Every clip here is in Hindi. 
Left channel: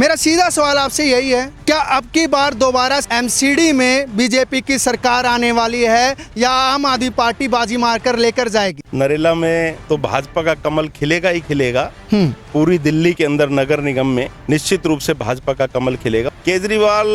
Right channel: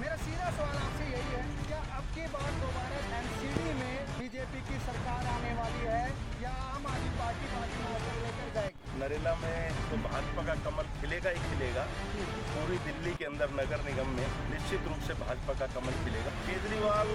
मेरा सीधा सवाल आपसे यही है, क्या अब की बार दोबारा एमसीडी में बीजेपी की सरकार आने वाली है या आम आदमी पार्टी बाजी मारकर लेकर जाएगी? नरेला में तो भाजपा का कमल खिलेगा ही खिलेगा। पूरी दिल्ली के अंदर नगर निगम में निश्चित रूप से भाजपा का कमल खिलेगा। केजरीवाल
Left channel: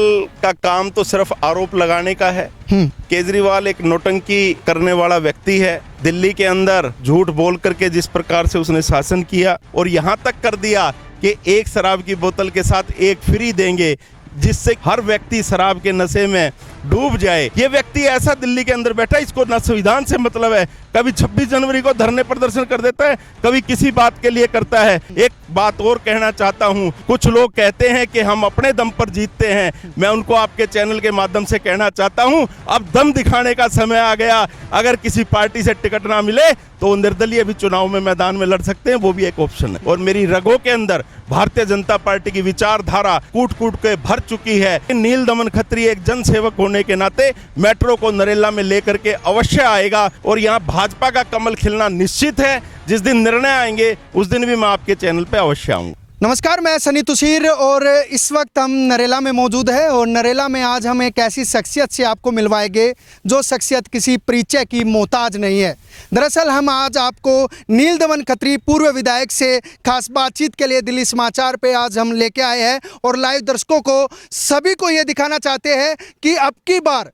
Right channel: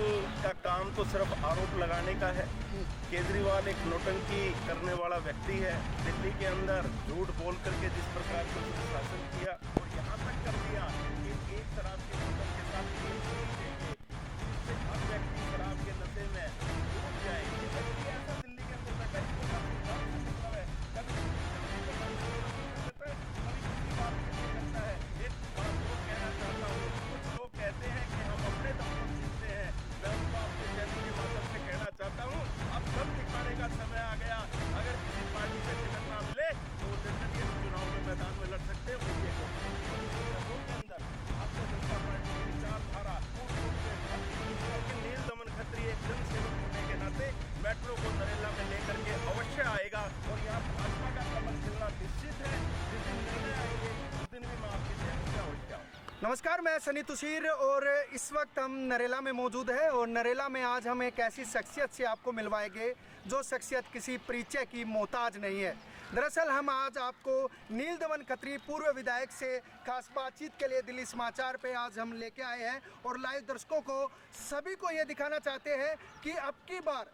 का काम तो सिर्फ आरोप लगाने का है। केजरीवाल एक नौटंकी करने वाला व्यक्ति है। दिल्ली के अंदर झूठ बोल करके जिस प्रकार से उसने शासन किया और यहाँ तक कर दिया कि एक शराब की बोतल के साथ एक फ्री देंगे, जिससे हर व्यक्ति शराब के नशे में डूब जाए। ये व्यक्ति ऐसा दिल्ली के अंदर बैठा, इसको न संविधान से मतलब है। कभी 26 जनवरी को धरने प्रदर्शन कर देता है, कभी किसी बात के लिए करता है। एक बात और कहना चाहता हूं, कुछ लोग कहते हैं कि हम अपने दम पर जीतते हैं। मैं उनको आपके चैनल के माध्यम से कहना चाहता हूं, अब दम दिखाने का समय आ गया। अगर किसी पार्टी से टिकट ना मिले तो निर्दलीय भी चुनाव में मैदान में लड़ सकते हैं, वो भी एक ऑप्शन है। और मेरी रगों के अंदर भारतीय जनता पार्टी की विचारधारा कूट कूट के भर चुकी है। नील दमन खत्री एक जन सेवक होने के नाते मेट्रो को नरेला में लेकर के अवश्य आएगा और यहाँ भाजपा का कमल खिलना निश्चित है। जिस दिन निर्णय आएंगे उस दिन भी मैं आपके चैनल पे अवश्य आऊंगा। नमस्कार, मैं सनी तुसीर और इस वक्त हम नरेला में मौजूद है और नरेला में आज हम एक ऐसी शख्सियत से आपको मिलवाएंगे जो शख्सियत किसी परिचय की मोहताज नहीं है। दरअसल हम आज आपको नील दमन खत्री पूर्व विधायक से खास बातचीत के लिए दिल्ली समाचार पे आज हम लेके आए हैं और लाइव दर्शकों को सभी को ये दिखाना चाहते हैं कि अब की बार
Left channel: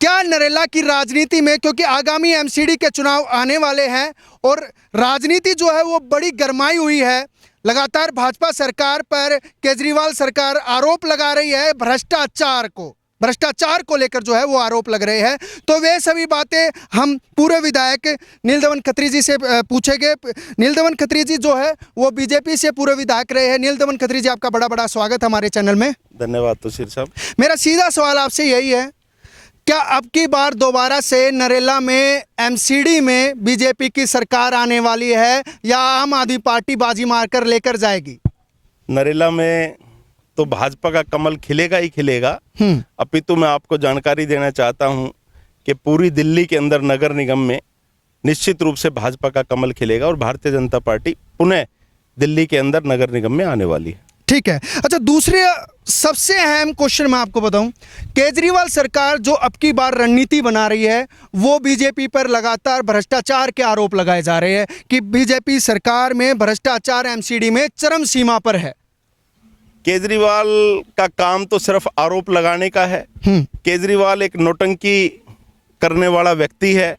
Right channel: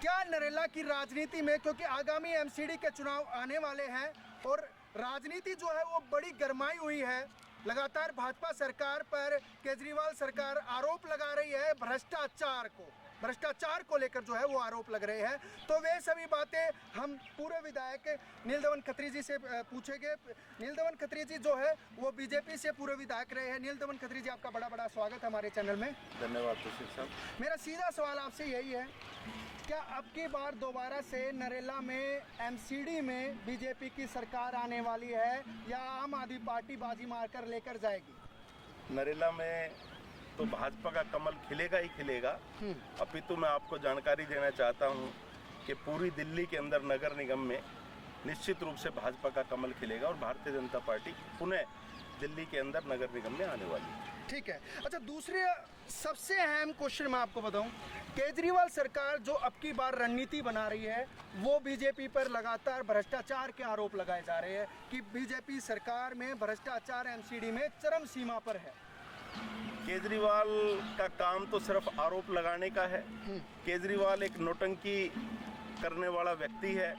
क्या नरेला की राजनीति में, क्योंकि आगामी एमसीडी के चुनाव आने वाले हैं और राजनीति जो है वो बड़ी गरमाई हुई है। लगातार भाजपा सरकार पर केजरीवाल सरकार आरोप लगा रही है भ्रष्टाचार को लेकर जो है वो आरोप लग रहे हैं। तो वे सभी बातें हम पूर्व विधायक नील दमन खत्री जी से पूछेंगे। नील दमन खत्री जी जो है वो बीजेपी से पूर्व विधायक रहे हैं। नील दमन खत्री जी, आपका बड़ा बड़ा स्वागत हमारे चैनल में। धन्यवाद तुषार साहब। मेरा सीधा सवाल आपसे यही है, क्या अब की बार दोबारा से नरेला में एमसीडी में बीजेपी की सरकार आने वाली है या आम आदमी पार्टी बाजी मारकर लेकर जाएगी? नरेला में तो भाजपा का कमल खिलेगा ही खिलेगा। अपितु मैं आपको जानकारी देना चाहता हूं कि पूरी दिल्ली के अंदर नगर निगम में निश्चित रूप से भाजपा का कमल खिलेगा और भारतीय जनता पार्टी पुनः दिल्ली के अंदर नगर निगम में आने वाली है। ठीक है। अच्छा, दूसरे सबसे अहम क्वेश्चन मैं आपको बताऊं, केजरीवाल सरकार जो अब की बार रणनीति बना रही है वो बीजेपी पर लगातार भ्रष्टाचार के आरोप लगाए जा रहे हैं कि बीजेपी सरकार में भ्रष्टाचार एमसीडी में चरम सीमा पर है। केजरीवाल का काम तो सिर्फ आरोप लगाने का है। केजरीवाल एक नौटंकी करने वाला व्यक्ति है।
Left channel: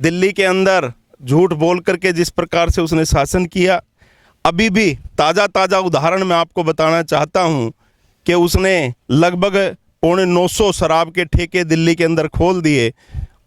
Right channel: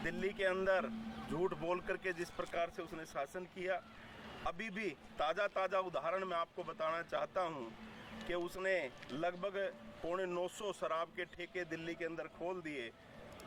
दिल्ली के अंदर झूठ बोल करके जिस प्रकार से उसने शासन किया, अभी भी ताज़ा उदाहरण मैं आपको बताना चाहता हूं कि उसने लगभग 950 शराब के ठेके दिल्ली के अंदर खोल दिए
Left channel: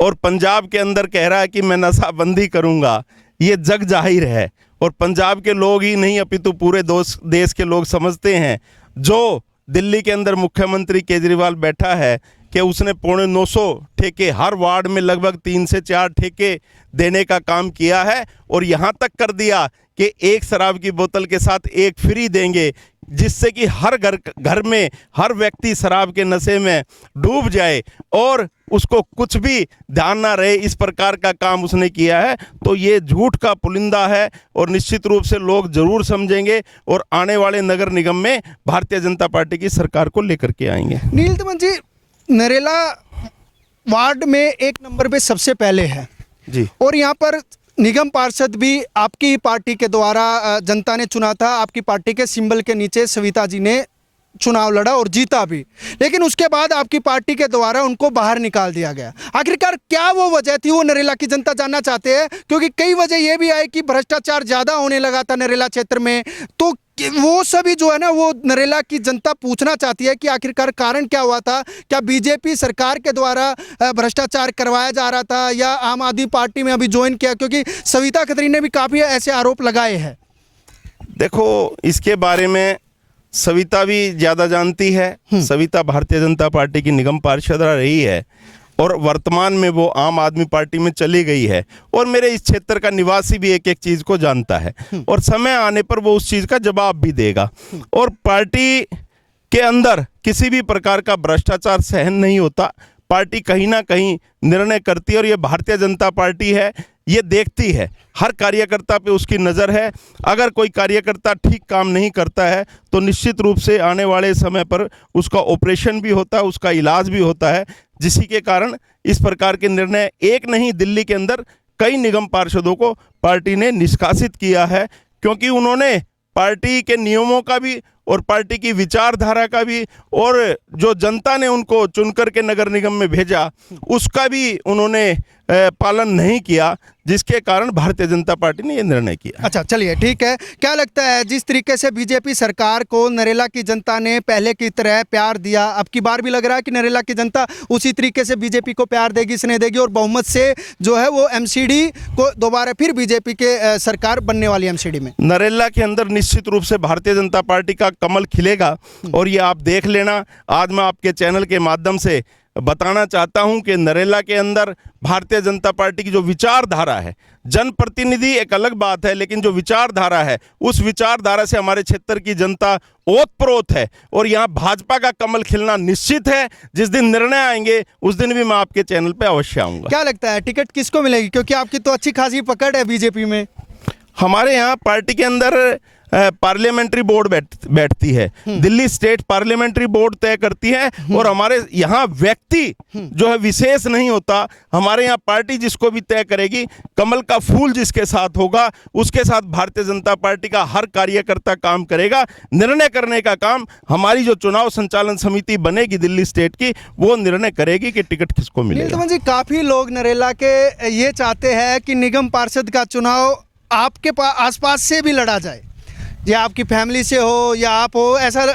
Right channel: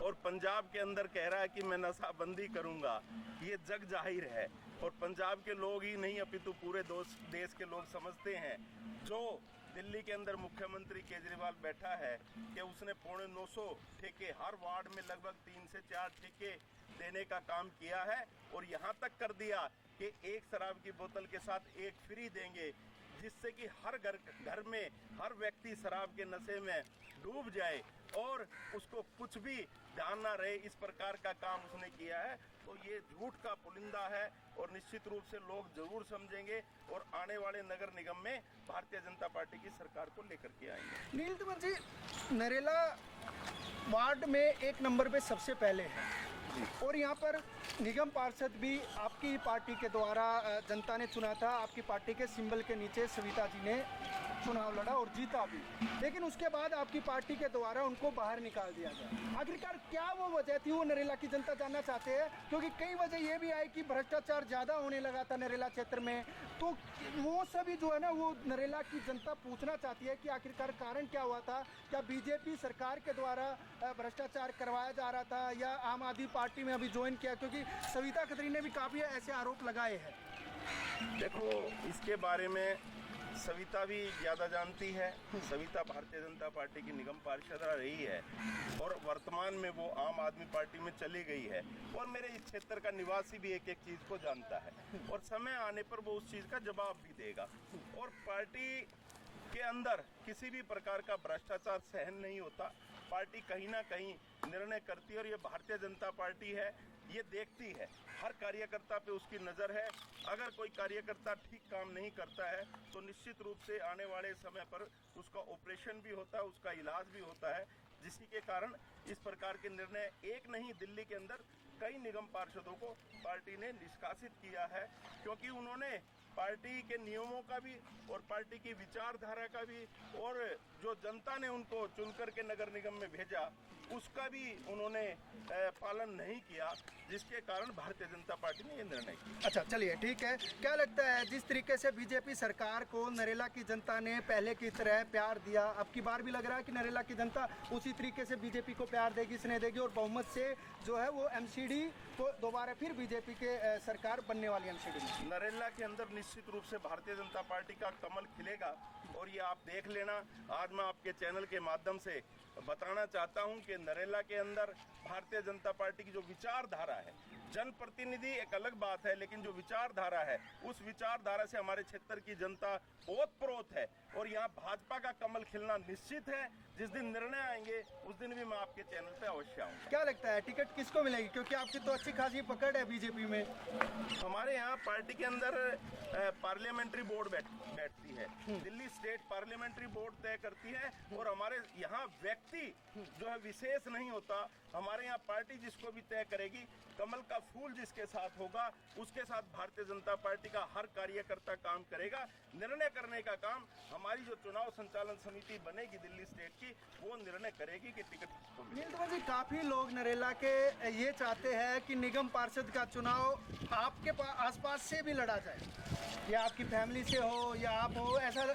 और पंजाब के अंदर कह रहा है कि मैं नशाबंदी करूंगा। ये जग जाहिर है और पंजाब के लोग ही नहीं अपितु पूरे देश के लोग समझते हैं। जो दिल्ली के अंदर मुख्यमंत्री केजरीवाल बैठा है कि उसने 950 ठेके, हर वार्ड में लगभग 3 से 4 ठेके देने का काम किया है और यहाँ तक कर दिया कि एक शराब की बोतल के साथ एक फ्री देंगे, जिससे कि हर घर में हर व्यक्ति शराब के नशे में डूब जाए और उसको कुछ भी ध्यान ना रहे। इस प्रकार का काम उसने किया है। तो ये झूठ का पुलिंदा है और निश्चित रूप से लोग जरूर समझेंगे और आने वाले नगर निगम में भारतीय जनता पार्टी की सरकार को लेकर के आएंगे। नील दमन जी, नरेला वार्ड में 1 नंबर पे सबसे पहले है जी और यहाँ पर निगम पार्षद भी आपकी पार्टी के द्वारा जनता ने चुना था। आपकी पार्टी के सिंबल के नीचे सविता जी ने चुनाव लड़ा और जीता भी, लेकिन उसके बाद आपकी पार्टी के द्वारा उनको बाहर निकाल दिया गया। आखिरकार क्या वो वजह थी, वो नरेला की जनता जानना चाहते हैं, क्योंकि कई वजह ये भी आई कि भ्रष्टाचार ज़्यादा होने लगा था नरेला क्षेत्र में। तो वो सभी जो है ना, वो नरेला की जनता पूछना चाहती है कि आखिरकार कारण क्या हुआ था। क्या बीजेपी सरकार के द्वारा भ्रष्टाचार करवाया जा रहा था या आम आदमी पार्टी में अभी ज्वाइन किया, क्योंकि सविता खत्री ने भी काफ़ी ऐसे आरोप लगाए हैं। देखो, इसके बारे में सविता भी ज़्यादा जानती है। सविता भारतीय जनता पार्टी की निगम पार्षद रही है और वर्तमान में वो आम आदमी पार्टी में चली गई है और मेरे इस क्षेत्र का निवासी भी एक एक चीज़ को जानता है और समय आने पर वो उस चीज़ का जवाब भी देगा। और पार्टी के अंदर किसी भी प्रकार का भ्रष्टाचार सहन नहीं होता। पार्टी कहीं ना कहीं निर्णय करती है और ये भारतीय जनता पार्टी है ये देखती है, हर कार्यकर्ता पे उसकी नज़र है। अगर कोई कार्यकर्ता ठीक काम नहीं करता है तो निश्चित रूप से आने वाले समय पर उसका ऑपरेशन भी होता है, उसका इलाज भी होता है, जिसी के कारण इस प्रकार के निर्णय एक नहीं, दिल्ली के अंदर कई निगम पार्षदों को पार्टी ने निष्कासित किया है, क्योंकि उन्होंने पार्टी के नियमों का भी और पार्टी की विचारधारा का भी और जो जनता ने उनको चुनकर के नगर निगम में भेजा उसका भी उन्होंने पालन नहीं किया, जिसके कारण भारतीय जनता पार्टी ने ये निर्णय किया। अच्छा, चलिए ठीक है। क्या लगता है जिस तरीके से बीजेपी सरकार को नरेला की जनता ने पहले की तरह प्यार दिया, अब की बार भी लग रहा है कि नरेला की जनता उसी तरीके से बीजेपी को प्यार देगी, स्नेह देगी और बहुमत से जो है वो एमसीडी को दोबारा फिर बीजेपी के सरकार बनने वाली एमसीडी में? नरेला के अंदर निश्चित रूप से भारतीय जनता पार्टी का कमल खिलेगा और ये आप देख लेना। आज मैं आपके चैनल के माध्यम से बताना चाहता हूं कि नरेला के अंदर भारतीय जनता पार्टी की जो विचारधारा है, जनप्रतिनिधि एक अलग बात है, लेकिन जो विचारधारा है उस विचारधारा से हमारे क्षेत्र की जनता ओतप्रोत है और यहाँ भाजपा का कमल खिलना निश्चित है। जिस दिन निर्णय आएंगे उस दिन भी मैं आपके चैनल पे अवश्य आऊँगा। क्या लगता है टिकट किसको मिलेगी, क्योंकि आपकी तो अच्छी खासी पकड़ है बीजेपी में? हमारे यहाँ पार्टी के अंदर पार्लियामेंट्री बोर्ड बैठती है, दिल्ली स्टेट पार्लियामेंट्री बोर्ड तय करती है और हमारे यहाँ व्यक्ति जो है विशेष नहीं होता। हमारे यहाँ पार्टी जिसको भी तय करेगी, कमल का फूल जिसके साथ होगा उसके साथ भारतीय जनता पार्टी का हर कार्यकर्ता काम करेगा। निर्णय करने का काम हमारी जो चुनाव संचालन समिति बनेगी दिल्ली स्टेट की, वो निर्णय करेगी कि टिकट किसको मिलेगा। जी, काफी लोग नरेला के ये चाहते हैं कि निगम पार्षद का चुनाव आपके आसपास से भी लड़ा जाए, या आपकी फैमिली से हो या आप हो, ऐसा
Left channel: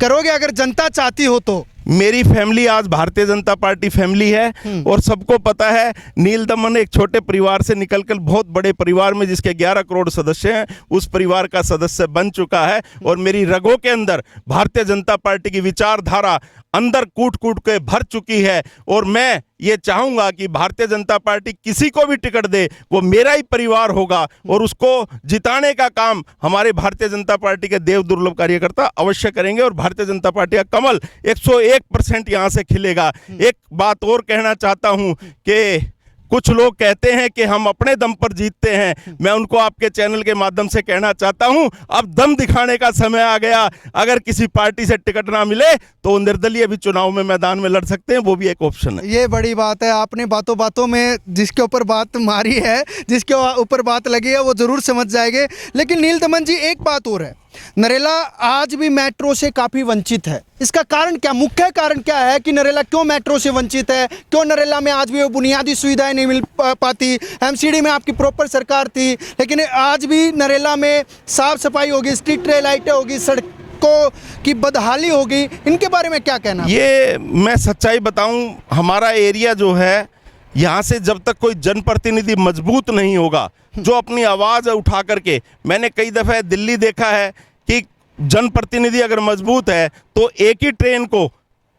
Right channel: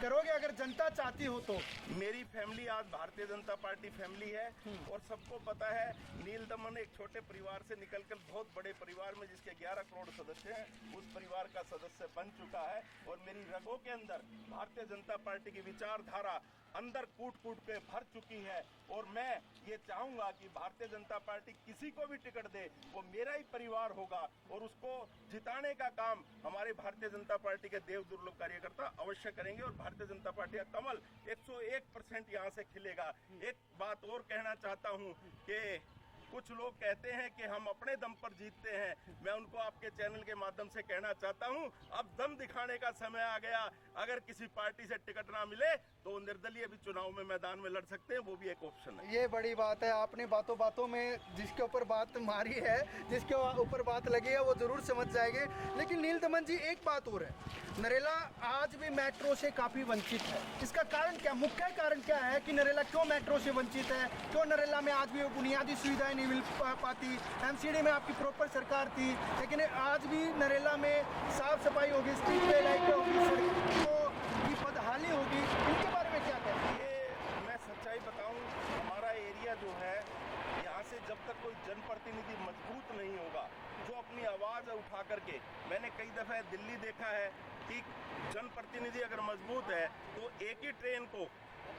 करोगे अगर जनता चाहती हो तो? मेरी फैमिली आज भारतीय जनता पार्टी फैमिली है और सबको पता है नील दमन एक छोटे परिवार से निकलकर बहुत बड़े परिवार में जिसके 11 करोड़ सदस्य हैं उस परिवार का सदस्य बन चुका है और मेरी रगों के अंदर भारतीय जनता पार्टी की विचारधारा अंदर कूट कूट के भर चुकी है और मैं ये चाहूंगा कि भारतीय जनता पार्टी किसी को भी टिकट दे वो मेरा ही परिवार होगा और उसको जिताने का काम हमारे भारतीय जनता पार्टी के देव दुर्लभ कार्यकर्ता अवश्य करेंगे और भारतीय जनता पार्टी का कमल 101% यहाँ से खिलेगा। एक बात और कहना चाहता हूँ कि कुछ लोग कहते हैं कि हम अपने दम पर जीतते हैं, मैं उनको आपके चैनल के माध्यम से कहना चाहता हूं अब दम दिखाने का समय आ गया। अगर किसी पार्टी से टिकट ना मिले तो निर्दलीय भी चुनाव में मैदान में लड़ सकते हैं, वो भी एक ऑप्शन है। ये बड़ी बात है, आपने बातों बातों में जिसके ऊपर बात मारी है, जिसके ऊपर बात लगी है वो जरूर समझ जाएंगे। लेकिन नील दमन जी, एक बात और है, नरेला आज भी मेट्रो से काफ़ी वंचित है। इसका कारण क्या, मुख्य कारण क्या है कि नरेला क्यों मेट्रो से वंचित है? क्यों नरेला में आज भी वो बुनियादी सुविधाएं नहीं मिल पाती? एमसीडी में आपकी प्रॉपर सरकार थी, लेकिन आज भी नरेला में साफ सफाई होगी, स्ट्रीट लाइटें होगी, सड़कों की बदहाली होगी, इनके बारे में क्या कहना? ये मैं सच्चाई बताऊं, हमारा एरिया जो है यहाँ से जब तक कोई जनप्रतिनिधि मजबूत नहीं होगा जो अपनी आवाज़ उठा करके, मैंने कई दफ़े दिल्ली देखा है कि जनप्रतिनिधि अगर मजबूत है तो एक ही ट्रेन को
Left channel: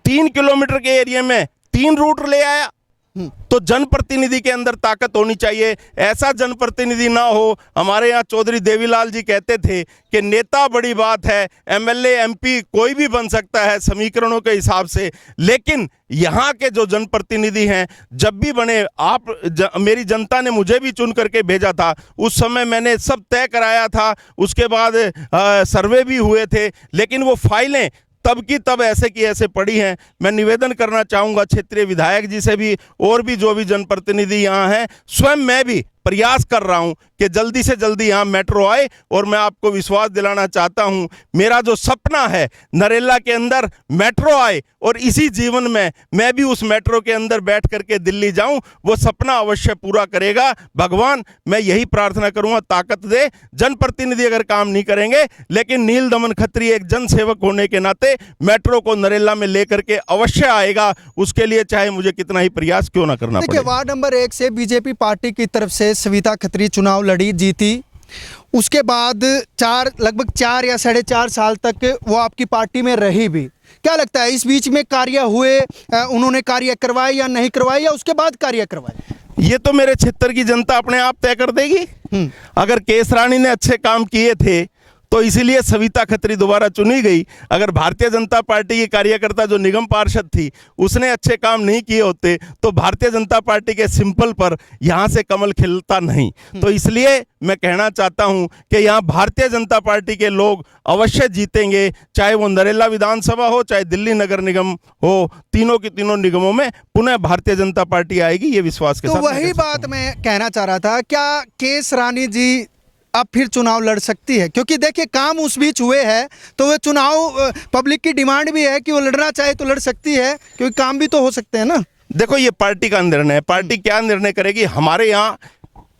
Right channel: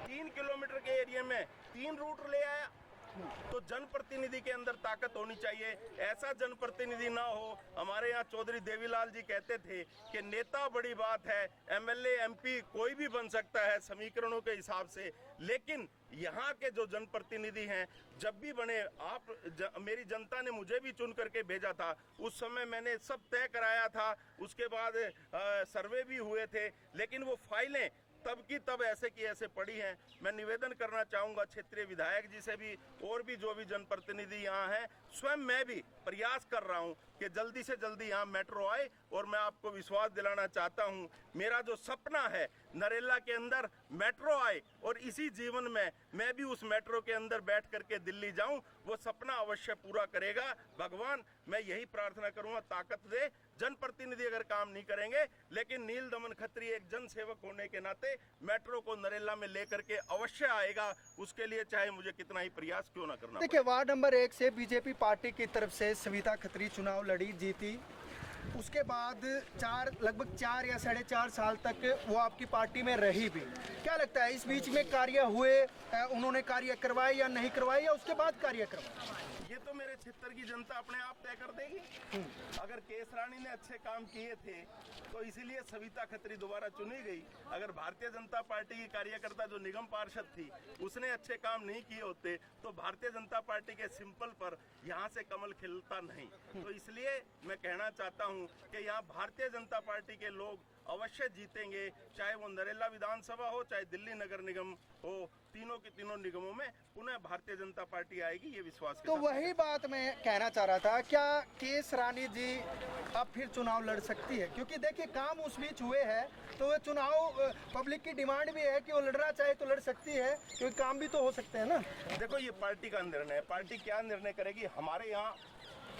3 किलोमीटर के एरिया में 3 रूट ले आया। तो जनप्रतिनिधि के अंदर ताकत होनी चाहिए, ऐसा जनप्रतिनिधि ना हो। हमारे यहाँ चौधरी देवीलाल जी कहते थे कि नेता बड़ी बात है, एमएलए एमपी कोई भी बन सकता है समीकरणों के हिसाब से, लेकिन यहाँ के जो जनप्रतिनिधि हैं जब भी बने, मेरी जनता ने मुझे भी चुन करके भेजा था, उस समय मैंने सब तय कराया था, उसके बाद सर्वे भी हुए थे, लेकिन वो फाइलें तब की तब ऐसे की ऐसे पड़ी हैं। मैं निवेदन करना चाहूँगा क्षेत्रीय विधायक जी से भी और भी जो भी जनप्रतिनिधि यहाँ हैं, स्वयं मैं भी प्रयास कर रहा हूँ कि जल्दी से जल्दी यहाँ मेट्रो आए और मैं आपको विश्वास दिलाना चाहता हूँ, मेरा जो सपना है नरेला के अंदर मेट्रो आए और इसी जीवन में मैं भी उस मेट्रो के अंदर बैठ करके दिल्ली जाऊँ, वो सपना अवश्य पूरा करेगा भगवान। मैं यही प्रार्थना करूँगा, ताकत दे। जनप्रतिनिधि अगर काम नहीं करेंगे, लेकिन नील दमन खत्री एक जनसेवक होने के नाते मेट्रो को नरेला में लेकर के अवश्य आएगा, उसके लिए चाहे मुझे कितना ही प्रयास क्यों ना करना पड़े। वार्ड नंबर 1 से बीजेपी पार्टी की तरफ से सविता खत्री चुनाव लड़ी, जीती। उसके बाद लगभग 4 या 4.5 साल तक वो आपकी पार्टी में रही भी। क्या लगता है इस बीच में कार्य हुए, उन्होंने कार्य करवाए या नहीं करवाए, या उसके बाद कार्य करवाए? ये तो मेरे क्षेत्र की जनता अपने आप तय कर देगी। अगर केस रानी ने अच्छे काम किए थे तो इसीलिए सविता खत्री दोबारा चुनी गई। अगर भारतीय जनता पार्टी की कार्यकर्ता जो निगम पार्षद थी उसने अच्छे काम नहीं किए होते तो भारतीय जनता पार्टी के सिंपल पर यहाँ से कमल खिलता नहीं। तो इसलिए मैं कहना चाहता हूँ कि यहाँ भारतीय जनता पार्टी के लोग अवश्य जीतेंगे, चाहे वो नरेला विधानसभा हो चाहे दिल्ली नगर निगम हो, तीनों की तीनों निगमों में पुनः भारतीय जनता पार्टी आएगी, ये विश्वास के तो साथ। वही बात मैं कहना चाह रहा था, क्या केस रानी जी अब फिर चुनाव लड़ सकती है? क्योंकि देखिए काम उस बीच हुए हैं, तो वो चुनाव पब्लिक की डिमांड भी है कि वो लड़ना चाहे तो लड़ सकती है, क्योंकि काम भी तो हो सकते हैं ना। देखो ये पार्टी का निर्णय है, पार्टी क्या निर्णय करेगी। हमारे यहाँ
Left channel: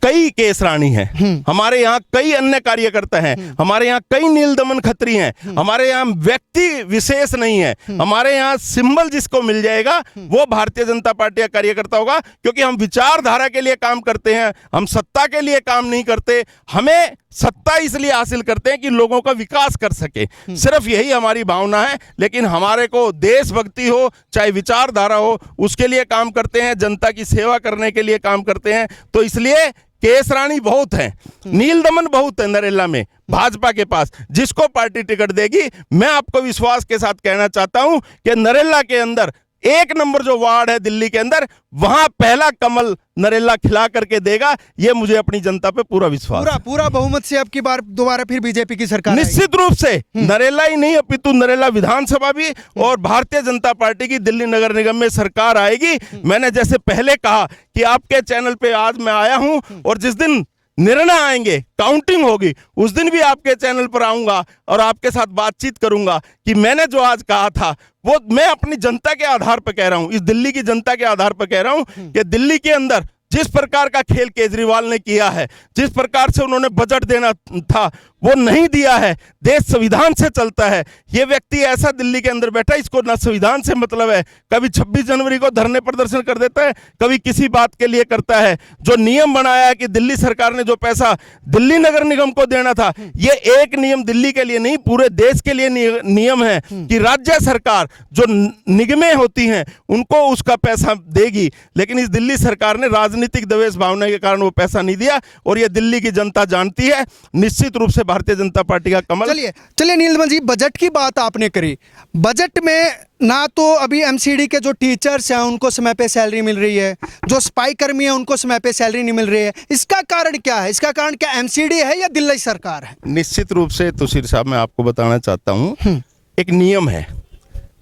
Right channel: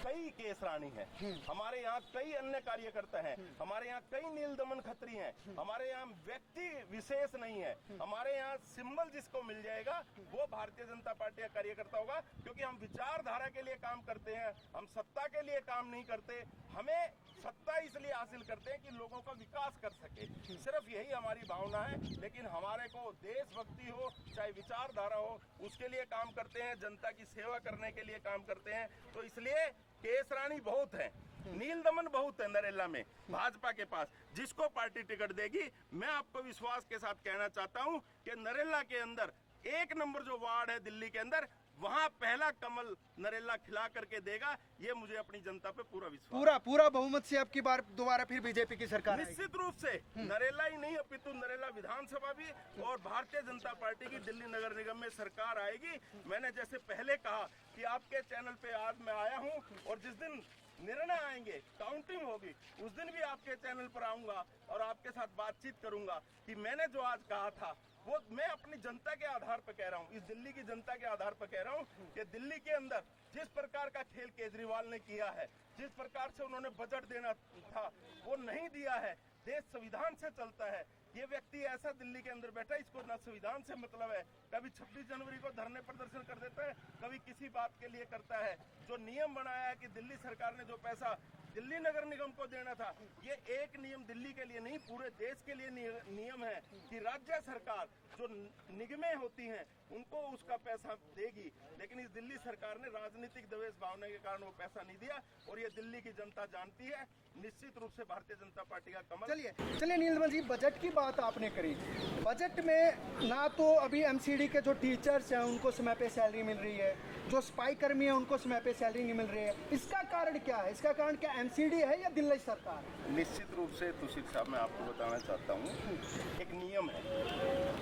कई केस रानी हैं, हमारे यहाँ कई अन्य कार्यकर्ता हैं, हमारे यहाँ कई नील दमन खत्री हैं, हमारे यहाँ व्यक्ति विशेष नहीं है, हमारे यहाँ सिंबल जिसको मिल जाएगा वो भारतीय जनता पार्टी का कार्यकर्ता होगा। क्योंकि हम विचारधारा के लिए काम करते हैं, हम सत्ता के लिए काम नहीं करते। हमें सत्ता इसलिए हासिल करते हैं कि लोगों का विकास कर सके, सिर्फ यही हमारी भावना है। लेकिन हमारे को देशभक्ति हो चाहे विचारधारा हो उसके लिए काम करते हैं, जनता की सेवा करने के लिए काम करते हैं। तो इसलिए केस रानी बहुत है, नील दमन बहुत है नरेला में भाजपा के पास। जिसको पार्टी टिकट देगी, मैं आपको विश्वास के साथ कहना चाहता हूं कि नरेला के अंदर 1 नंबर जो वार्ड है दिल्ली के अंदर, वहां पहला कमल नरेला खिला करके देगा। ये मुझे अपनी जनता पे पूरा विश्वास है। पूरा बहुमत से अब की बार दोबारा फिर बीजेपी की सरकार निश्चित रूप से नरेला ही नहीं अपितु नरेला विधानसभा भी और भारतीय जनता पार्टी की दिल्ली नगर निगम में सरकार आएगी। मैंने जैसे पहले कहा कि आपके चैनल पे आज मैं आया हूं और जिस दिन निर्णय आएंगे, काउंटिंग होगी, उस दिन भी आपके चैनल पर आऊंगा और आपके साथ बातचीत करूंगा कि मैंने जो आज कहा था वो मैं अपनी जनता के आधार पर कह रहा हूं, इस दिल्ली की जनता के आधार पर कह रहा हूं कि दिल्ली के अंदर जिस प्रकार का खेल केजरीवाल ने किया है, जिस प्रकार से उन्होंने बजट देना था वो नहीं दिया है। देश संविधान से चलता है। ये व्यक्ति ऐसा दिल्ली के अंदर बैठा, इसको ना संविधान से मतलब है, कभी 26 जनवरी को धरने प्रदर्शन कर देता है, कभी किसी बात के लिए करता है। जो नियम बनाया है कि दिल्ली सरकार ने जो पैसा दिल्ली नगर निगम को देना था, ये एक नियम दिल्ली के लिए नहीं पूरे देश के लिए नियम है कि राज्य सरकार जो निगमें होती हैं उनको उसका पैसा देगी। लेकिन इस दिल्ली सरकार ने राजनीतिक दवेश भावना के कारण वो पैसा नहीं दिया और ये दिल्ली की जनता जानती है। निश्चित रूप से भारतीय जनता पार्टी का कमल। चलिए नील दमन जी, बजट की बात आपने करी। बजट में ना तो अभी एमसीडी के जो टीचर्स हैं उनको समय पे सैलरी मिल रही है, जो सफाई कर्मी हैं उनको समय पे सैलरी नहीं मिल रही है। इसका कारण क्या है? इसका कारण क्या एमसीडी है या दिल्ली सरकार है? निश्चित रूप से तुषार साहब मैं आपको बताना चाहता हूँ, एक नियम है।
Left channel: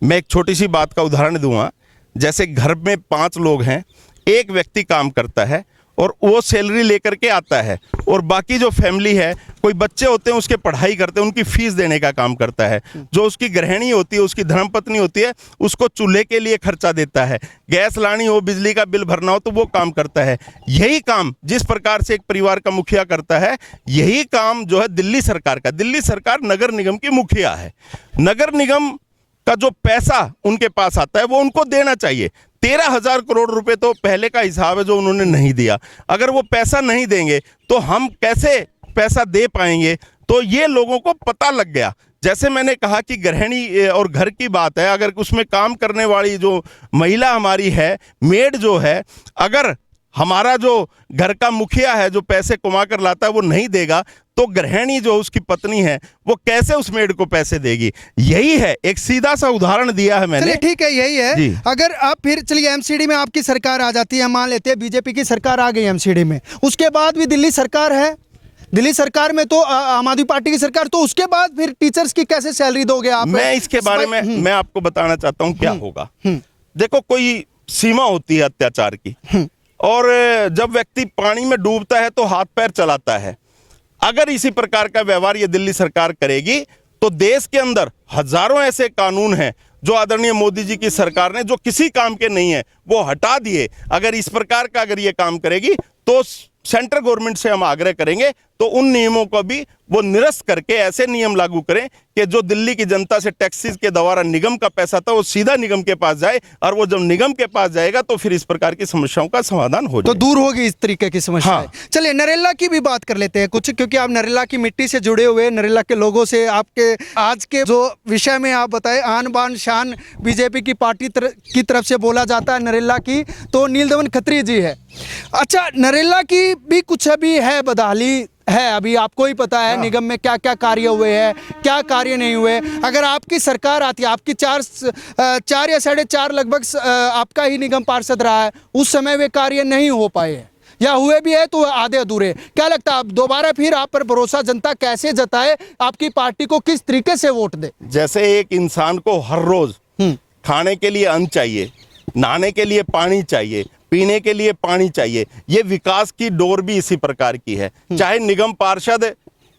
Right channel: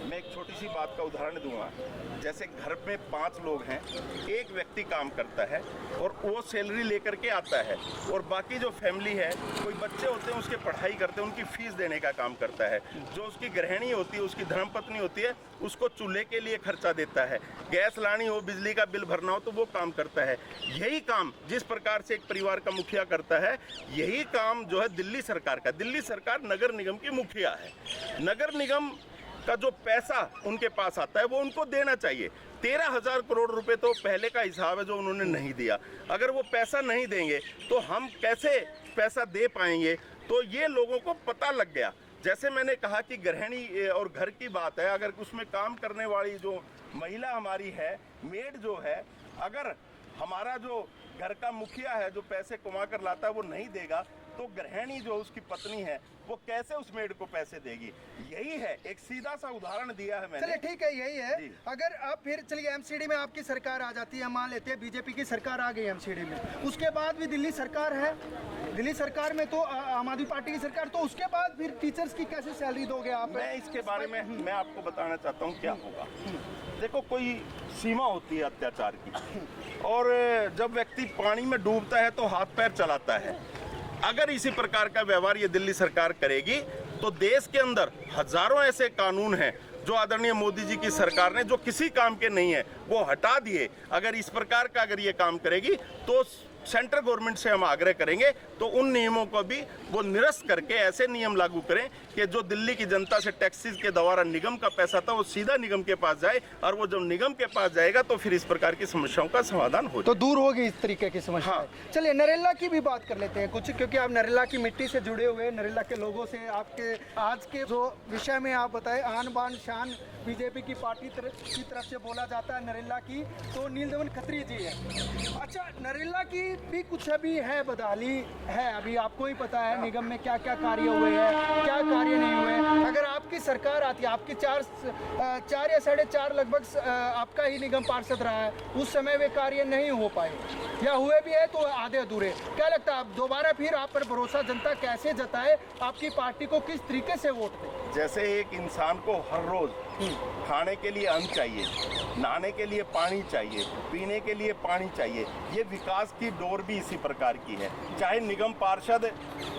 मैं एक छोटी सी बात का उदाहरण दूंगा। जैसे घर में 5 लोग हैं, एक व्यक्ति काम करता है और वो सैलरी लेकर के आता है और बाकी जो फैमिली है, कोई बच्चे होते हैं उसके पढ़ाई करते हैं, उनकी फीस देने का काम करता है। जो उसकी गृहिणी होती है, उसकी धर्मपत्नी होती है, उसको चूल्हे के लिए खर्चा देता है, गैस लानी हो, बिजली का बिल भरना हो तो वो काम करता है। यही काम जिस प्रकार से एक परिवार का मुखिया करता है, यही काम जो है दिल्ली सरकार का। दिल्ली सरकार नगर निगम की मुखिया है। नगर निगम का जो पैसा उनके पास आता है वो उनको देना चाहिए। 13,000 करोड़ रुपए तो पहले का हिसाब है जो उन्होंने नहीं दिया। अगर वो पैसा नहीं देंगे तो हम कैसे पैसा दे पाएंगे? तो ये लोगों को पता लग गया। जैसे मैंने कहा कि गृहिणी और घर की बात है, अगर उसमें काम करने वाली जो महिला हमारी है, मेड जो है, अगर हमारा जो घर का मुखिया है जो पैसे कमा कर लाता है वो नहीं देगा तो गृहिणी जो उसकी पत्नी है वो कैसे उस मेड को पैसे देगी? यही है, एक सीधा सा उदाहरण दिया है मैंने। ठीक है, यही है। अगर आप फिर चलिए एमसीडी में आपकी सरकार आ जाती है, मान लेते हैं बीजेपी की सरकार आ गई एमसीडी में, उसके बाद भी दिल्ली सरकार है। दिल्ली सरकार में तो आम आदमी पार्टी की सरकार, तो उसके बाद फिर टीचर्स की कैसे सैलरी दोगे आप? मैं इसके बारे में मैं आपको बताना चाहता हूँ क्या होगा। देखो, कोई सीमा होती है अत्याचार की, और जब व्यक्ति पानी में डूबता है तो हाथ पैर चलाता है। अगर इसी प्रकार का व्यवहार ये दिल्ली सरकार करेगी तो देश के अंदर हजारों ऐसे कानून हैं जो आदरणीय मोदी जी की सरकार ने, जो किसी काम के नहीं है, वो हटा दिए। अगर इस प्रकार का अगर ये काम करेगी तो सेंट्रल गवर्नमेंट से हम आग्रह करेंगे तो उन नियमों को भी वो निरस्त करके ऐसे नियम लागू करें कि जो दिल्ली की जनता से टैक्सेस के द्वारा निगम का पैसा था वो सीधा निगम के पास जाए, और वो जब निगम के पास जाएगा तो फिर इस प्रकार की समस्याओं का समाधान हो जाए, तो दूर होगी इस तरीके की समस्या। हाँ। चलिए नरेला की भी बात कर लेते हैं कुछ, क्योंकि आप नरेला की मिट्टी से जुड़े हुए, नरेला के लोगों से, आपके आज के जो विषय में आप बताए, आन बान शान बीजेपी की पार्टी की तरफ से बोला जाता है नरेला की, तो नील दमन खत्री जी है। अच्छा, नरेला की भी कुछ अभी है बदहाली है, अभी आपको ही पता है निगम में क्या क्या कार्य हुए हैं, क्या कार्य नहीं हुए। अगर आपकी सरकार आती है, आपकी 4 या 4.5 लगभग आपका ही निगम पार्षद रहा है, उस समय वे कार्य नहीं हो पाए या हुए भी है तो आधे अधूरे। क्या लगता है अब दोबारा फिर आप पर भरोसा जनता कैसे जताए, आपकी पार्टी को किस तरीके से वोट दे? जैसे एक इंसान को हर रोज खाने के लिए अन्न चाहिए, नहाने के लिए पानी चाहिए, पीने के लिए पानी चाहिए, ये विकास की डोर भी इसी प्रकार की है। चाहे निगम पार्षद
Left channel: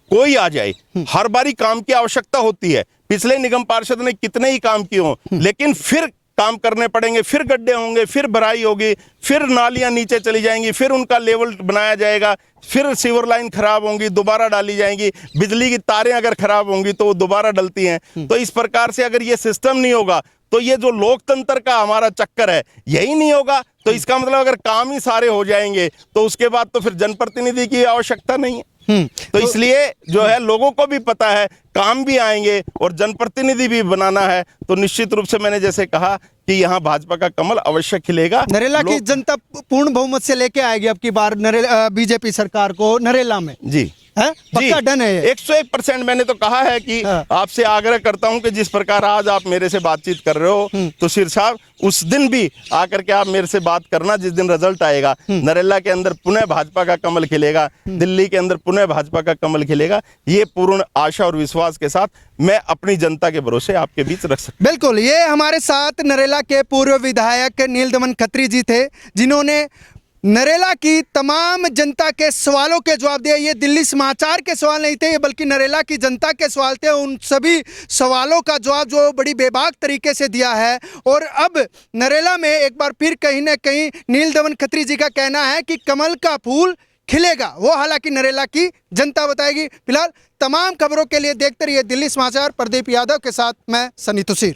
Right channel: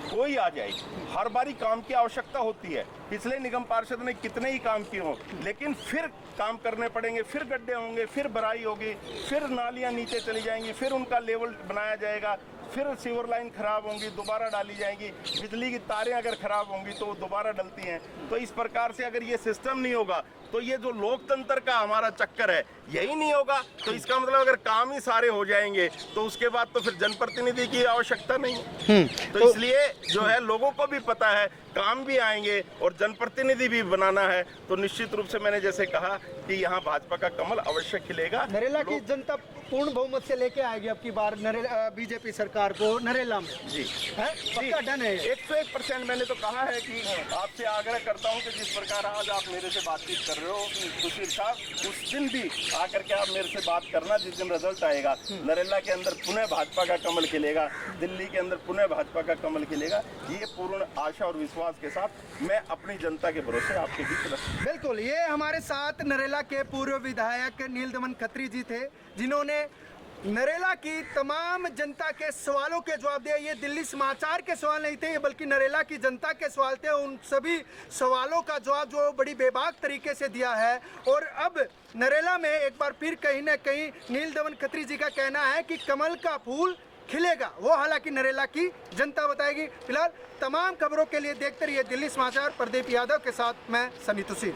कोई आ जाए, हर बारी काम की आवश्यकता होती है। पिछले निगम पार्षद ने कितने ही काम किए हों, लेकिन फिर काम करने पड़ेंगे, फिर गड्ढे होंगे, फिर भराई होगी, फिर नालियां नीचे चली जाएंगी, फिर उनका लेवल बनाया जाएगा, फिर सीवर लाइन खराब होंगी, दोबारा डाली जाएंगी, बिजली की तारें अगर खराब होंगी तो वो दोबारा डलती हैं। तो इस प्रकार से अगर ये सिस्टम नहीं होगा तो ये जो लोकतंत्र का हमारा चक्कर है यही नहीं होगा। तो इसका मतलब अगर काम ही सारे हो जाएंगे तो उसके बाद तो फिर जनप्रतिनिधि की आवश्यकता नहीं है। तो इसलिए जो है लोगों को भी पता है काम भी आएंगे और जनप्रतिनिधि भी बनाना है, तो निश्चित रूप से मैंने जैसे कहा कि यहाँ भाजपा का कमल अवश्य खिलेगा। नरेला की जनता पूर्ण बहुमत से लेके आएगी अब की बार बीजेपी सरकार को नरेला में? जी है, पक्का डन है ये? 101% मैंने तो कहा है कि आपसे आग्रह करता हूं कि जिस प्रकार आज आप मेरे से बातचीत कर रहे हो तो सिर साहब उस दिन भी आकर के आप मेरे से बात करना जिस दिन रिजल्ट आएगा। नरेला के अंदर पुनः भाजपा का कमल खिलेगा, दिल्ली के अंदर पुनः भाजपा का कमल खिलेगा। ये पूर्ण आशा और विश्वास के साथ मैं अपनी जनता के भरोसे आपके बीच रख सकता हूं। बिल्कुल, ये हमारे साथ नरेला के पूर्व विधायक नीलदमन खत्री जी थे, जिन्होंने नरेला की तमाम जनता के सवालों के जवाब दिए। ये दिल्ली समाचार के सवाल नहीं थे, बल्कि नरेला की जनता के सवाल थे। उन सभी सवालों का जवाब जो बड़ी बेबाक तरीके से दिया है। और अब नरेला में एक बार फिर कहीं ना कहीं नीलदमन खत्री जी का कहना है कि कमल का फूल खिलेगा, वो हालांकि नरेला की जनता बताएगी। फिलहाल तमाम खबरों के लिए देखते रहिए दिल्ली समाचार। प्रदीप यादव के साथ मैं सनी तुसीर।